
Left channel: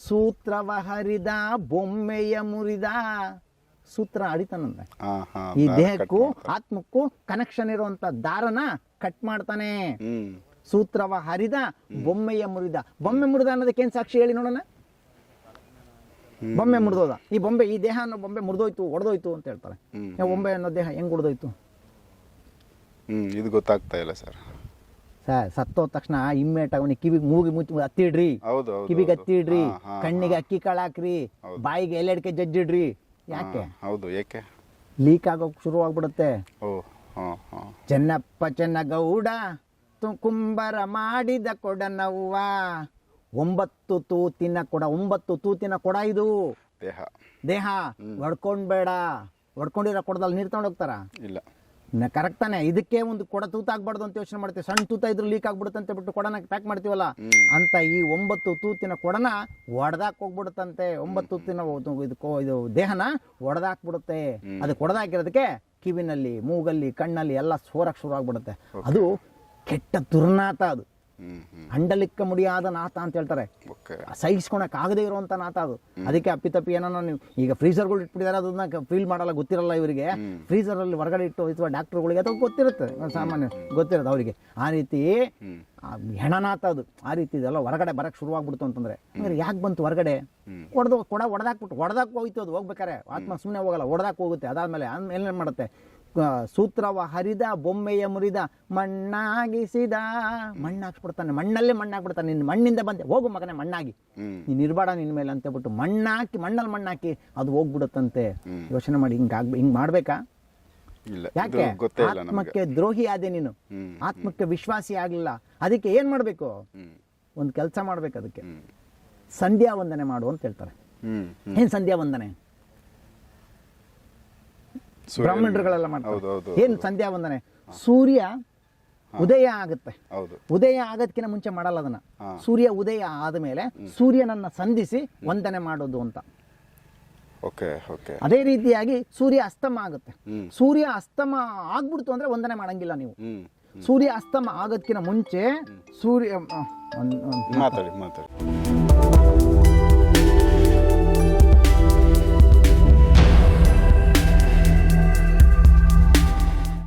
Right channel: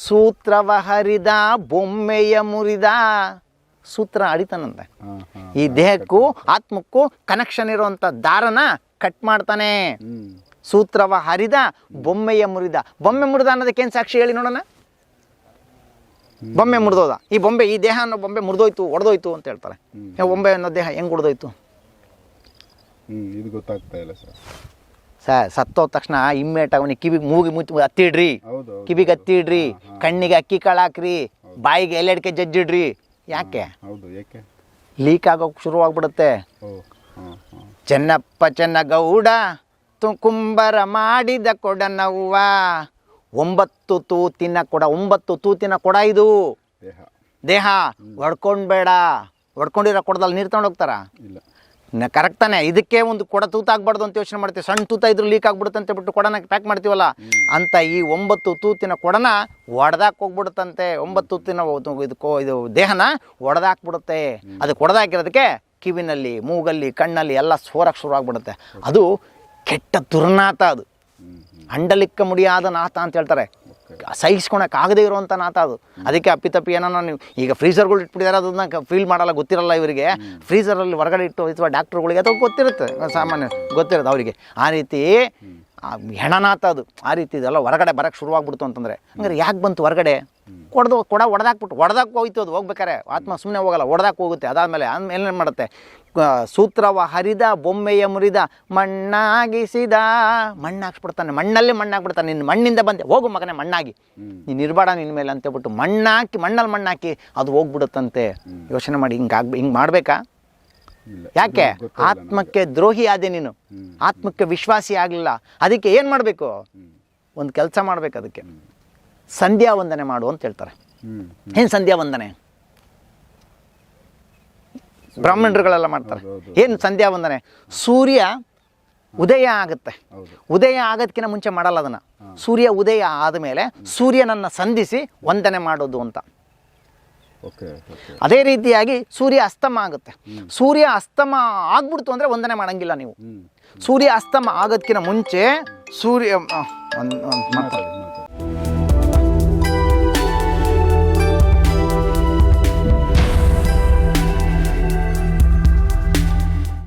ಸೂತ್ರವ ಹರಿದ ಬೊಮ್ಮೆಯ ಮುರಿದ. ಸೂತ್ರ ಅಡಿತಾನಂತೆ ಈ ದೇಹಕ್ಕೂ ಆತ್ಮಕ್ಕೂ ಕನೆಕ್ಷನ್ ಇರುವಂತ ದಾರನ ಕಟ್ ಮಾಡ್ತಾನೆ. ಸೂತ್ರವ ಹರಿದ ಬೊಮ್ಮೆಯ ಮುರಿದ. ಬೊಮ್ಮೆ ಮುರಿದ ಅನ್ನೋದಕ್ಕೇನು ಸಾಕ್ಷಿ ಹೇಳಿ ನೋಡೋಣ? ಬೊಮ್ಮೆ ಮುರಿದೋದ. ಈ ಬೊಂಬೆ ಈ ದೇಹ ಅನ್ನೋ ಬೊಂಬೆ ಮುರಿದೋಯ್ತು ಒಡೆದೋಯ್ತು ಅಂತ ಹೇಳ್ತಾರೆ. ಬೊಂಬೆ ಅನ್ನೋ ದೇಹ ಹೆಂಗ್ ಹೊಡೆದೋಯ್ತು ಹ್ಮ್ ಇದು ಗೊತ್ತಾಗ್ತಾ ಇಲ್ಲ ಸರ್. ಸರ್ ಸತ್ತೋದ ತಕ್ಷಣ ಇಮ್ಮೇಟ್ ಅವನಿಗೆ ಕಿವಿ ಮೂಗಿ ಮುಚ್ಚಿ ಹತ್ತಿಡ್ರಿ. ಕಿವಿಗೆ ಹತ್ತಿಡ್ರಿ. ಕಣ್ಣಿಗೆ ಅಕ್ಕಿ ಕಾಳು ಹಾಕ್ರಿ. ಬಾಯಿಗೆ ಎಲ್ಲೆಡ್ಕೆ ಜಜ್ಜಿಡ್ರಿ. ಯಾಕೆ? ಹೌದು ಯಾಕೆ ಲೀಕ್ ಆಗೋಕೆ ಶುರುವಾಗ್ಬಿಡುತ್ತೆ. ಚೆನ್ನಪ್ಪ ಚೆನ್ನ ಗೌಡ ತು ಕುಂಬರ ಮಾಡಿದ ಕೊಡನವ್ವ. ಒಂಬತ್ತು ತೂತಿನ ಕೊಡ ಒಂಬತ್ತು ತೂತಿನ ಕೊಡ ಇದು. ದೇಹ. ದೇಹ? ಹೊಡ್ಕೊಂಡ್ಬೇಡ. ಹೊಡ್ಕೊಂಡಿರೋ ಕೊಡದಲ್ಲಿ ನೀರು ತಗೊಂಡು ಹೋಗ್ತಾರ? ಇಲ್ಲ. ಕರೆಕ್ಟ್ ತಾನೆ. ಇದಕ್ಕೆ ಒಂದು ಕೊಡ ತೂತಾಗ್ಬಾರ್ದು ಅಂತ ಯೋಚನೆ ಮಾಡ್ತೀವಿ. ಸಣ್ಣ ತೂತ ಇದ್ರೂ ಲೀಕ್ ಆಗ್ಬಿಡುತ್ತೆ ಅಂತ ಬಿಟ್ಟು ಕೊಡನ ಪ್ಯಾಕ್ ಮಾಡ್ತೀವಲ್ಲ? ಅಂತ ಈ ಒಂಬತ್ತು ತೂತಿನ ಕೊಡನ ಒಡೆದಾಕ್ ಹೋಗ್ಬಿಡುತ್ತಂತೆ. ಒಂಬತ್ತು ತೂತಿನ ಇದು ಕೋ- ಇದು ದೇಹನ ಒಡೆದಾಕ್ಬಿಡುತ್ತೆ. ಅದು ಕೊಡದಾಕಿರೋದಕ್ಕೆ ಕಿವಿನಲ್ಲಿ ಮೂಗಲ್ಲಿ ಕಣ್ಣಲ್ಲಿ ಎಲ್ಲ ಸೋರಕ್ಕೆ ಶುರು ಆಗ್ಬಿಡುತ್ತೆ. ಅದು ಕೆಟ್ಟ ದುರ್ನಾತ ಅದು. ಅಂಡಲಿಕ್ಕ ಮುಡಿಯಾದ ನಾಥ ಅಂತ ಹೇಳ್ತಾರೆ. ಸಹಿಸ್ಕೊಳಕ್ಕೆ ಸಹಿಸ್ಕೊಳಕ್ ಆಗದೆ ಇರುವಂಥ ನಾಥ ಅದು ಅದಕ್ಕೆ ಅಪ್ಪಿತಪ್ಪಿ ಏನೋ ನೀವು ಈಗ ಫ್ರೀಸರ್ಗಳು ಇಟ್ಬಿಟ್ಟಿದ್ದಾರೆ ಅದನ್ನ ಫೀಲ್ ಮಾಡಲ್ಲ ಗೊತ್ತಿರಲ್ಲ ಇವರಿಗೆ. ಫ್ರೀಸರಲ್ಲಿ ಹೊರಗಡೆ ಇಟ್ಟು ಅಥವಾ ಡಾಕ್ಟ್ರುಗಳಿಗೆ ಅಥವಾ ಗೊತ್ತಿರುತ್ತೆ ಸಾಮಾನ್ಯ ಗೊತ್ತಿರುತ್ತೆ ಅವರಿಗೆ. ಆ ರೀತಿ ಹೆಣನಾಥ ಅದು. ಆ ರೀತಿ ಇದೆಲ್ಲ ಹೊರಗಡೆ ಬರಕ್ಕೆ ಶುರುವಾಗ್ಬಿಡ್ತು ಅಂತಂದ್ರೆ. ಹಂಗಾರೆ ಯಾಕೆ ಬಂತು ಹೊರಗಡೆ? ಕೊಡ್ದು ಕೊಡ ಹೊಡೆದಾಕ್ಬಿಟ್ಟು ಹೊಡೆದಾಕ್ ಹೋಯ್ತು ಅದು ಹೋಗ್ಬೇಕಾರೆ. ಆತ್ಮ ಸುಮ್ಮನೆ ಹೋಗಲ್ಲ ಹೊಡೆದಾಕ್ ಹೋಗುತ್ತೆ. ಅದಾದಮೇಲೆ ಆದ್ಮೇಲೆ ಏನು ಮಾಡುತ್ತೆ? ಸೂತ್ರವ ಹರಿದ ಬೊಮ್ಮೆಯ ಮುರಿದ ಮಣ್ಣಾಗಿಸಿದ. ಮಣ್ಣು ಹಾಕ್ಸ್ಬಿಡ್ತಾನೆ ಮಣ್ಣಲ್ಲಿ ಮಣ್ಣು ಹಾಕ್ಬಿಡ್ತಾನೆ ನಿನ್ನ ಮಣ್ಣಿಂದ ಬಂದೆ. ಹೋಗು ಮಗನೇ ಮಣ್ಣಾಗಿ. ನೀನು ಇರಬೇಡ ನಿನ್ನ ಮೇಲೆ ಅಂತ ಹೇಳ್ಬಿಟ್ಟು ಮಣ್ಣಾಕಿ ಮಣ್ಣಲ್ಲಿ ಮಣ್ಣಾಕಿ ಅದು ಹೋಗ್ಬಿಡುತ್ತಂತೆ. ಯೋಚನೆ ಮಾಡಿ ಹಿಂಗೆ ಆಗ್ ಹಿಂಗೆ ಮಾಡಬೇಕಾ? ಯಾಕೆ. ಆತ್ಮಕ್ಕೆ ದ್ರೋಹಿ ಆದೆ ನೀನು. ಆತ್ಮಕ್ಕೆ ವಿಶ್ವಾಸಿ ಆಗಲಿಲ್ಲ. ಅದಕ್ಕೆ ಏನು ಮಾಡಬೇಕು? ಒಂದು ಕೆಲಸ ಮಾಡಬೇಕು ಅದಕ್ಕೆ. ಸಂಧ್ಯಾ ವಂದನೆ ಮಾಡು ಅಂತ ಹೇಳ್ತಾರೆ. ಏನು ಸಂಧ್ಯಾ ವಂದನೆ ಬ್ರಾಹ್ಮಣರುಗಳೆಲ್ಲ ಮಾಡ್ತಾರೆ. ಏನು ಸಂಧ್ಯಾ ವಂದನೆ? ಸೂರ್ಯ ಉದಯ ಆಗುತ್ತೆ. ಉದಯ ಆಗೋದಕ್ಕಿಂತ ಮುಂಚೆ ಮಾಡಲ್ಲ ಅದನ್ನು. ಸೂರ್ಯ ಉದಯ ಆದಮೇಲೆ ಸೂರ್ಯನನ್ನು ಸಂಧಿಸಿ ವಂದನೆ ಮಾಡೋದು ಅಂತ. ಅದೇ ರೀತಿಯಾಗಿ ಸೂರ್ಯ ಅಸ್ತಮ ಆಗುತ್ತೆ. ಸೂರ್ಯ ಅಸ್ತಮ ಆಗ್ಬಿಡ್ತು ಅಂದ್ರೆ ವಂದನೆ ಮಾಡಂಗಿಲ್ಲ ನೀವು. ಸೂರ್ಯ ಅಸ್ತಮ ಆಗೋದಕ್ಕಿಂತ ಮುಂಚೆ ಸೂರ್ಯ. ಮಾತಾಡಿ ಮಾತಾಡಿ.